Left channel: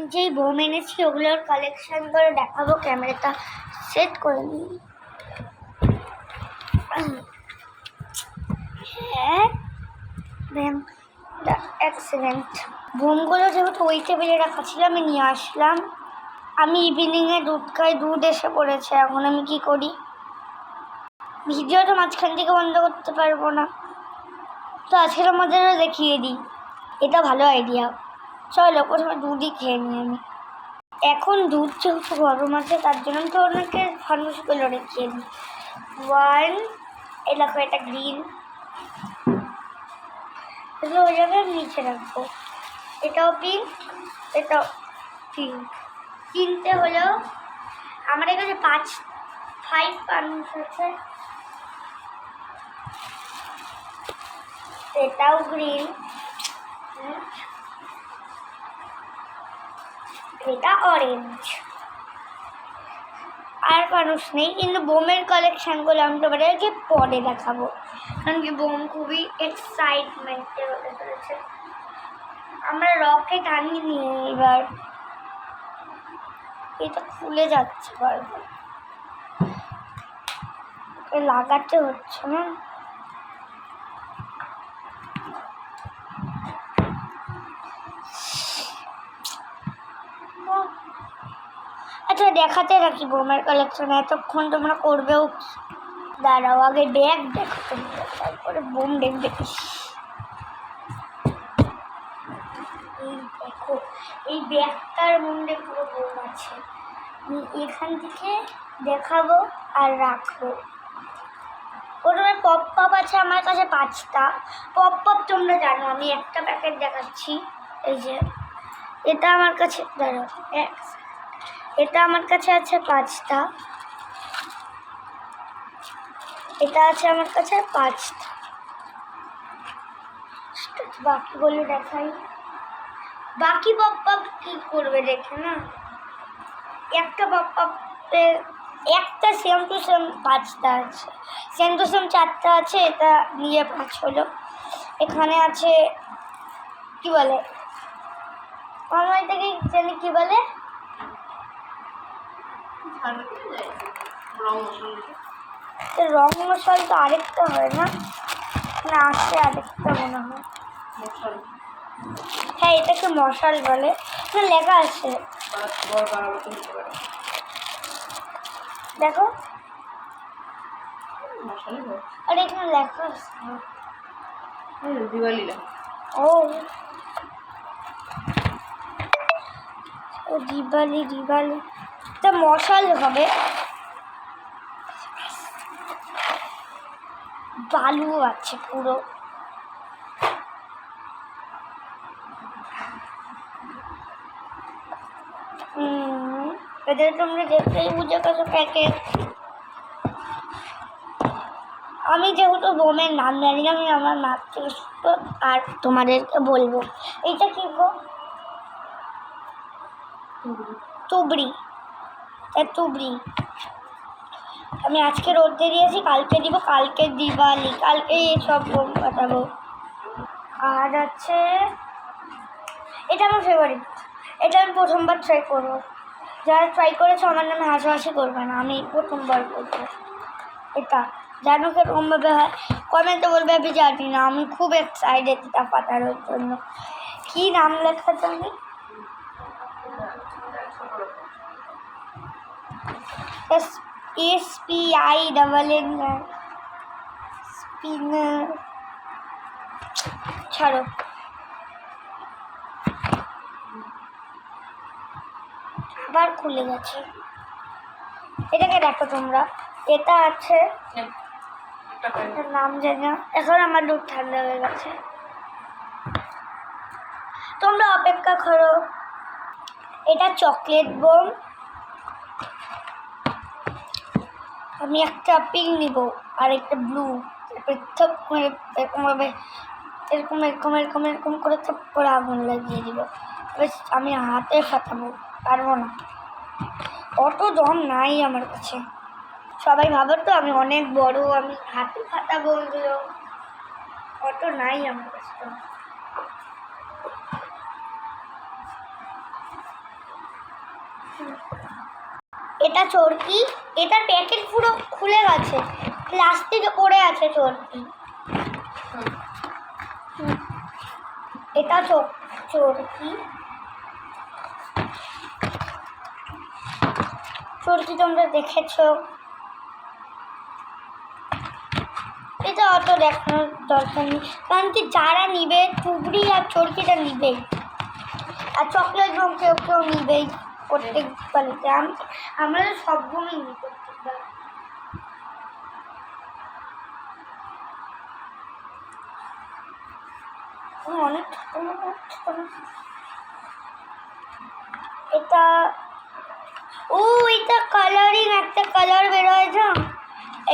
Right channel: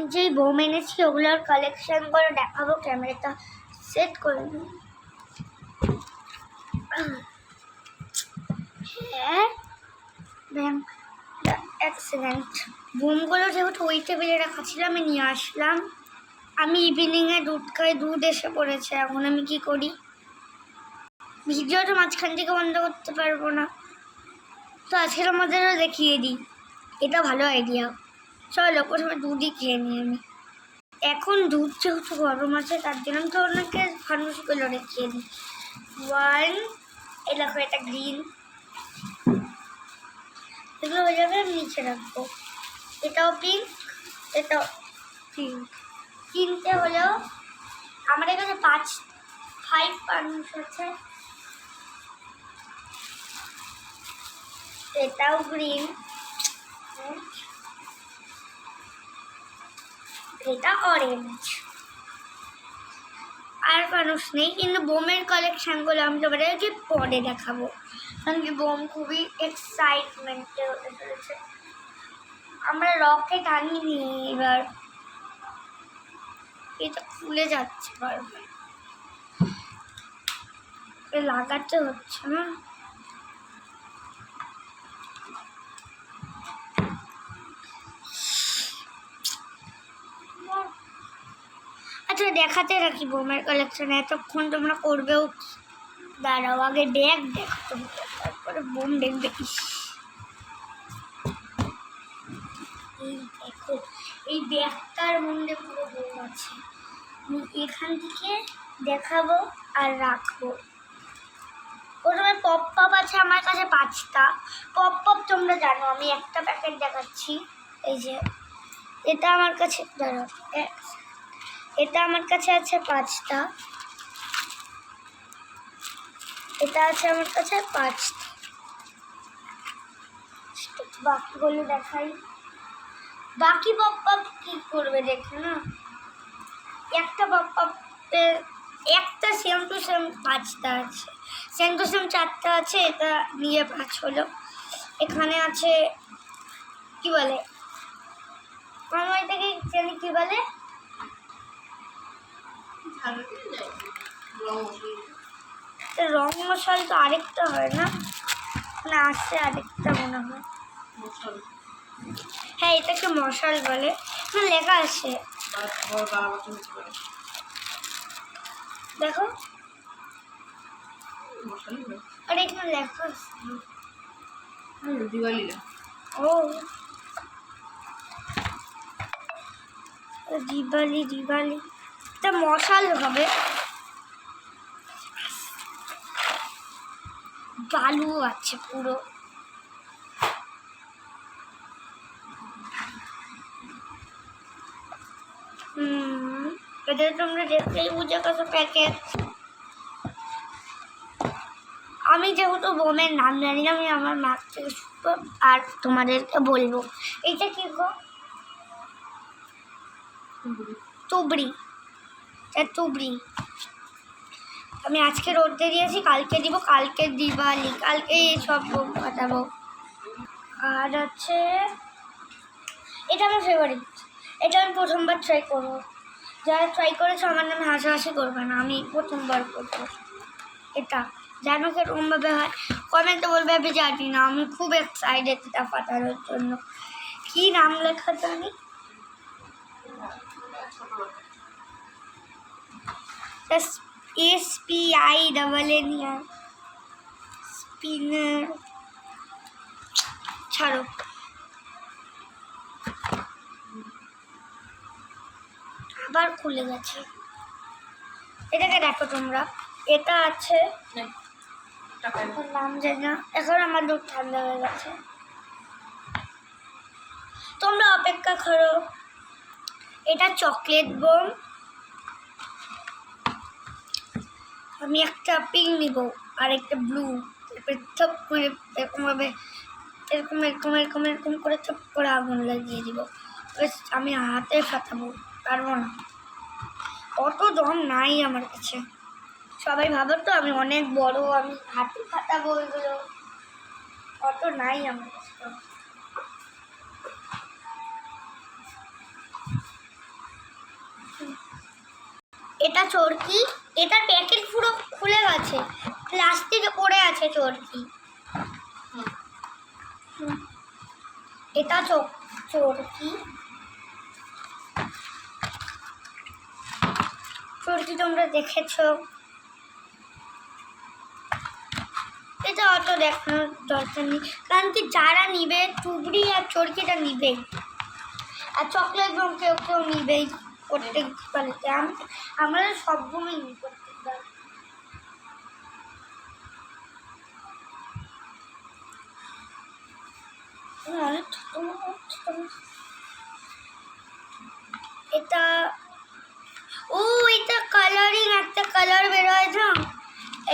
আমি যেই বোম এনেছি ওগুলোর কালেকশন করে দেখাবো। ক্যামেরাটা সেট করে নিই। হ্যাঁ ম্যাম, এক সেকেন্ড। বোমগুলো যেহেতু ওই টেবিলে রাখা ছিল আমি নিয়ে আসলাম। আমি ইভিনিংয়ে দুধ খাই, দুধ এসে পড়েছে। এখন আমি কি করি? ভিডিওটা মাঝখান থেকে বন্ধ করতে পারবো না, তো আজকের আমাদেরও দেখিয়ে দিই। এটা ভালো আইডিয়া। চলো প্রথমে দুধই খেয়ে নিই আমি। এখন দুধ যেহেতু গরম আছে তার জন্য তো অনেকে ফানুসগুলো রেখে দিই। 1, এই দেখো এটা গ্রিন, এগুলো হয়ে যাবে। নিচে রাখবো। এটাও পিঙ্ক, এটাও পিঙ্ক। কিনতে হলেও আমার কাছে 5 ফানুস আছে। এটাও গ্রিন, এটা অরেঞ্জ। আর মানুষ নেই, কিন্তু বোমের কালেকশানগুলো আমি তোমাদেরকে পরে দেখাবো, কারণ কি বোম খুবই এক্সাইটমেন্টে হতে চলেছে। আমরা রকেট আনিনি এবার, এটা খুলে যাচ্ছে বারবার, লাগাতে হচ্ছে না। আচ্ছা দেখাতে রাখি বোমের কালেকশন, এতক্ষণ তোমরা করবেও। দাঁড়াও আগে ব্যাগ দেখো তোমরা, তারপরে বোম দেখবে। এই দেখো, এই ব্যাগটার মধ্যে পুরো বোম আছে। আমি এখান থেকে দেখাবো আর রাখবো। প্রথমে পপ পপ আছে আমার কাছে 5টা। পপ পপ তোমরা জানো, আমি একটা প্যাকেট দেখাচ্ছি। এই যে এটা আমার কাছে, ধরো এটা আমার কাছে আছে 5টা। এটা আছে আমার কাছে 5টা। বাকিগুলো দেখাই। বাকি পপ পপ কি করবে দেখে না, একটা পপ পপে একটা সেম টু সেম 5টা আছে, সেম টু সেম 4টা আছে। এটা নিয়ে 5 হলো। এখানে আছে কি বলে, আমার এটাকে জানি কি বলে, রং মশাল। তো আরেকটা হয় না, না আছে আরেকটা মনে হয়। হ্যাঁ এটাকে মশাল বলে, না লেখা আছে দেখো। আর এখানে লেখা আছে দিওয়ালি। ও দিওয়ালি, দিওয়ালি এটা মশাল হবে। বালু আছে পুরো। এটা তোমরা দেখতেই বুঝে গেছো প্যাকেট। আমি যেহেতু বোমের নাম জানি না, আমি আমার মাছ থেকে শুনবো আর তোমাদেরকে বলবো। এইটা কি গো? তুবড়ি, তুবড়ি। আমি আজকে রোদে দিয়েছি, কালকে দিব, কালকে দিওয়ালি, কালকে সব বোম ফাটাবো। আর আছে এটা আমার ফেভারিট, এটা আমি প্রথমবার ট্রাই করবো। যারা ট্রাই করেছে আমার নামে হাসাহাসি করবে না, আমি প্রথমবার করবো। এটা জানো কিরকমভাবে হয় কমেন্টে বলবে, আমি জানি না। আমি খুব এক্সাইটেড এটা ফাটানোর জন্য। কী নাম লেখা জানি, SPINNER স্পিনার। ছাড়ো, আবার খুলে গেছে। এটাকে দেখো তোমরা, এটা আছে নাম জানি না। এখন আমার দুধ ঠান্ডা হয়ে গেছে, তোমরা অপেক্ষা করো। এটা চকলেট বোম। আমি একটা পিঙ্ক নিব আর একটা ব্লু, থপ করে এরকমভাবে এরকম এরকম এরকম এরকম করে থপ করে আগুন লাগিয়ে দিব। বেশ আমি হাতে ফাটাবো, পারবো না, অত দম নাই আমার কাছে। সবাই ভাবে তো আমি অনেক বড়, আমি হাতে ফাটাবো এগুলো, অত নাই আমার কাছে। এটা চরকি, এটার প্যাকেট পুরো খুলে গেছে, প্লাস্টিকে পড়ে আছে চরকি। এটা চরকি, চরকি তোমরা দেখেছো। এটা অত দেখানোর দরকার নেই, কারণ কি যারা নিবে টুবড়ি আর চরকিটা নিবেই, আর চকলেট রং কেউ কেউ নিবেই প্রত্যেক বাড়িতে। আমরা তো সবগুলোই নিই প্রত্যেকবার। অনেক ছোট, এটা এটা কালারিং একটা কালার বেরোয় না,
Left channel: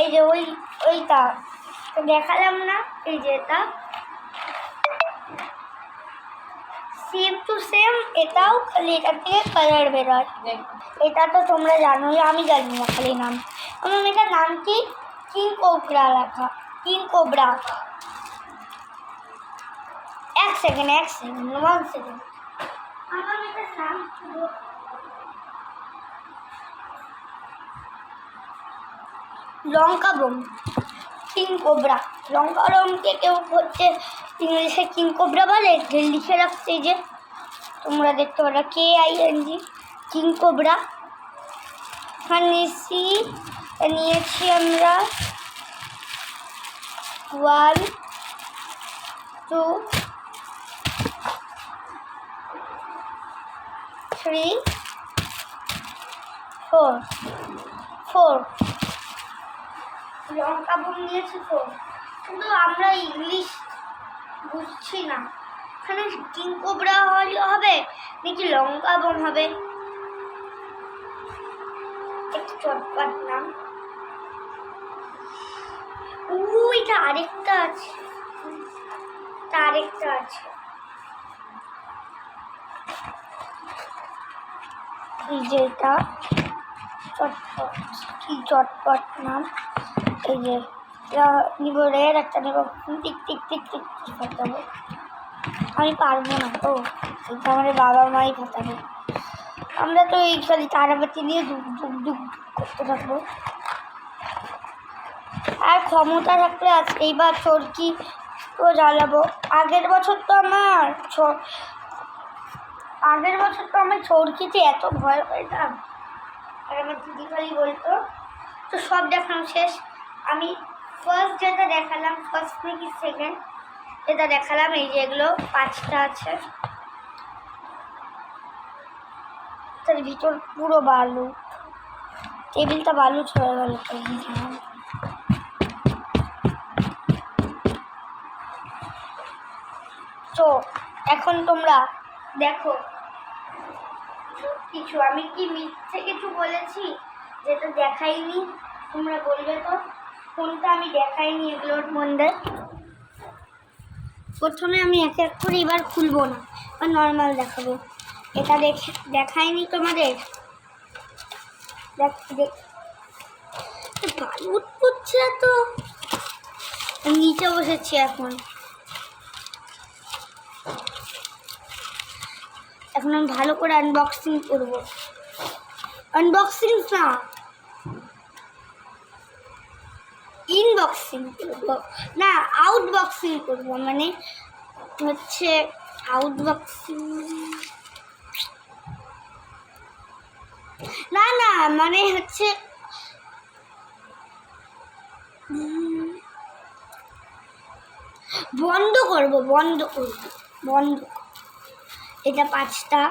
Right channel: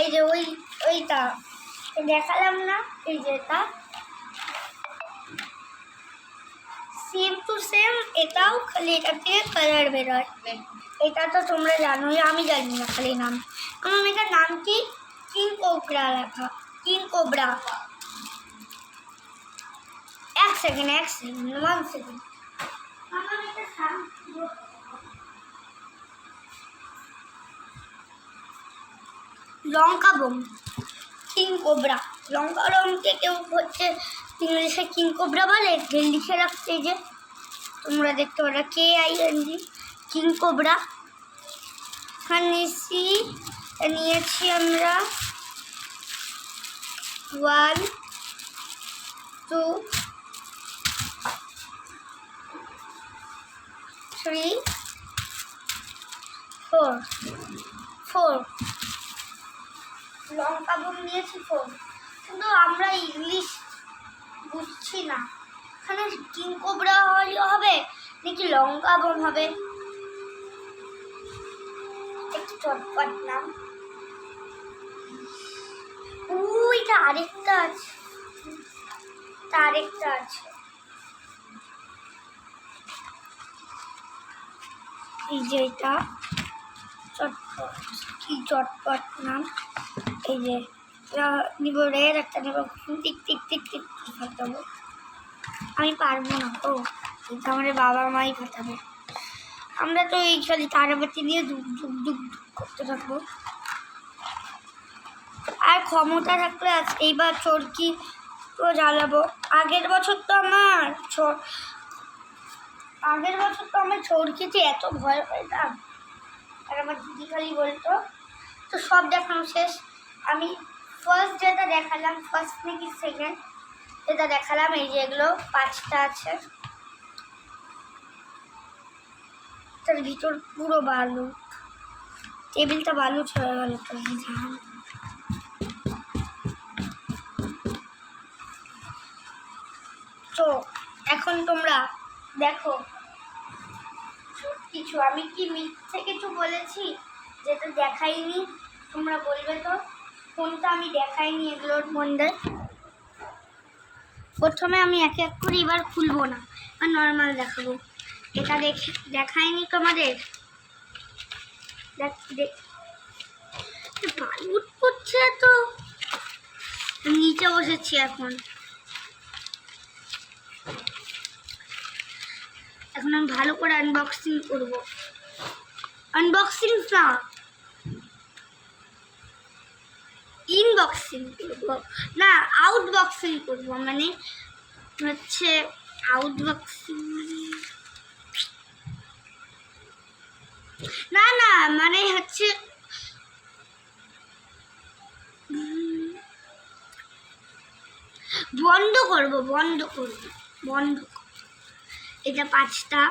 এই যে ওইটা দেখালাম না, এই যে এটা সেম টু সেম, এটাও খালি এটা থেকে কালার বেরোয়। এটা তো তোমরা জানোই, আমি জানি না খালি নাম। আমার এটার নাম কি? কিং কোবরা লেখা, কিং কোবরা। এক সেকেন্ড 1 সেকেন্ড। আমার এটার নাম লঙ্কা বোম, কিং কোবরা। লঙ্কা বোমকে কেউ হচ্ছে ইংলিশে কিং কোবরা বলে, লিখে রাখছে যে তোমরা দেখতে পারো KING, কিং কোবরা। নিয়েছি আমরা 1 2 3 4 লঙ্কা বোম নিয়েছি 4, কিন্তু আমরা ইংলিশ বুঝছি না, এখানে কিং কোবরা হবে নাকি লঙ্কা বোম হবে। একটু চটপট নাম। ওইটা আরেকটা আছে, এই যে এটা চটপট, কি চটপট নাম। এই যে নিব রেড, একটা নিব টিক টিক টিক টিক ফাটাবো। আমি পারবো না তো, এটা আমার বাবার মাই ফাটাবে। আমরা তো এই খালি তারাবাতি দিয়ে ডুব ডুব ডুব করতে থাকবো। আর ক্ষমতা থাকলে এইবার চরকি তো জ্বালাবো। আগের বছর তো আমার চরকিতে এত ভয় পেতাম, আর আমার দিদি খালি বলতো। তো সব দেখানো শেষ। আমি ফার্স্ট যেটা দেখালাম, ফার্স্ট নাকি সেকেন্ড, এটা দেখালাম। এই যে এগুলো 5টা আছে, তার ভিতর পুরো বালু, টেবিলটা বালু ছড়ে গেল। তো এখন তোমরা দেখো কিছু আমি কি মিথ্যে কিছু বলেছি যেটা দেখাইনি, তোমরা বলবে তো কোনটা আমি দেখাইনি এগুলোর মধ্যে। প্রথমে আমি এক এক করে এবার খুলবো না, আর নর্মাল দেখাবো। এটা দেখাইনি তোমাদের, দেখ বালু উঠছে তো, নিচে বসেছি এখন আমি ভালো করে আনবক্সিং করবো। আনবক্সিং না, ইনবক্সিং করবো না, আউটবক্সিং করবো। মানে হচ্ছে আউটবক্সিং না, মানে হচ্ছে বন্ধ করবো। এটা 5টা,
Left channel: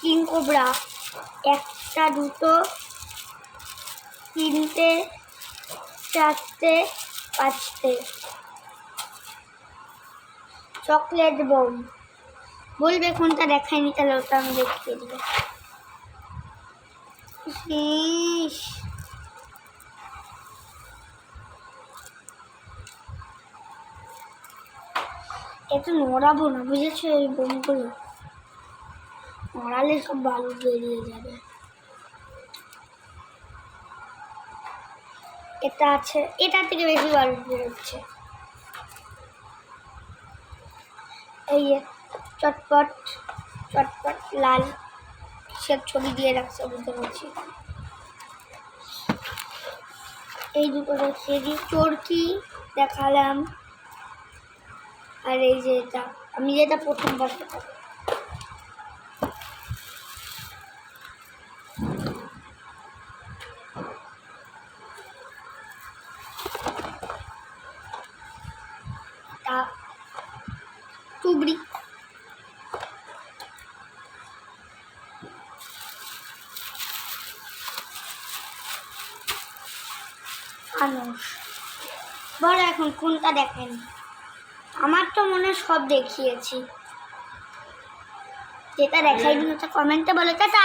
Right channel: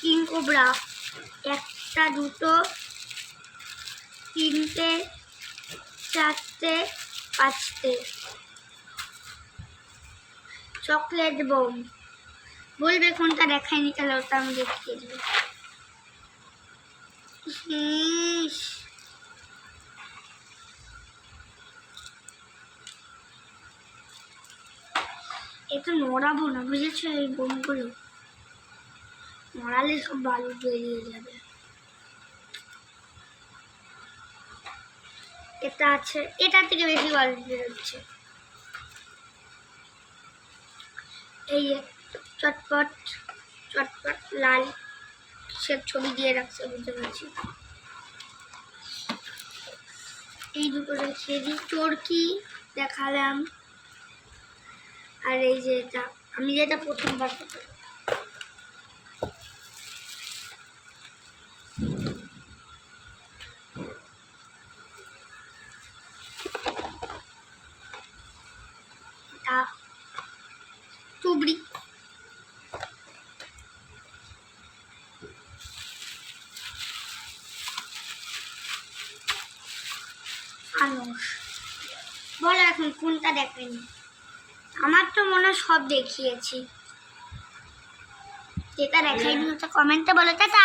কিং কোবরা 1টা 2টো 3টে 4টে 5টে, চকলেট বোম। বলবে কোনটা দেখায়নি, তাহলে ওটা আমি দেখিয়ে দেবো। এটা নড়াবো না, বুঝেছো? এই বোমগুলো নড়ালে সব বালু বেরিয়ে যাবে। এটা আছে, এটা থেকে বেশি বালু বেরোচ্ছে। এই চটপট চটপট লাল কিসের ছবি দিয়ে রাখছে বুঝতে পারছি। এই দুটো দেখিয়ে দিই, চরকি দেখালাম, আর এই যে এটা আমি যেটা প্রথমবার দেখালাম। টুবড়ি, আনস। বলো এখন কোনটা দেখেন? আমার তো মনে হয় সব দেখিয়েছি, যেটা দেখাইনি ওটা কমেন্টে বলো। টাটা।